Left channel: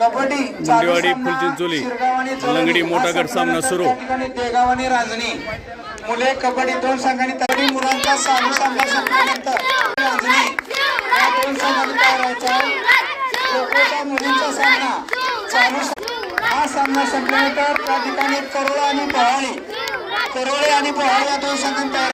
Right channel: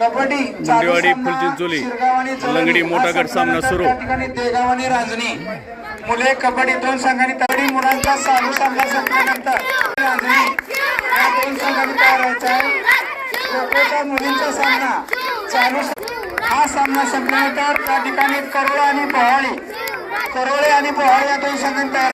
कबड्डी मुंडेवाडी, फुलचिंचोली, लंगडी, मोठा गट सामना सुरू. त्या ठिकाणी रांजणी. मुले कबड्डी दोन संघांनी तरी मुलांचा चालू सामना संपल्यानंतर रांजणी. या दोन संघांनी तयार व्हायचा मुलींचा सामना. चालू हा सामना संपल्यानंतर त्या ठिकाणी करोळे आणि पोहाळी करोळे आणि पोहाळी या दोन संघांनी तयार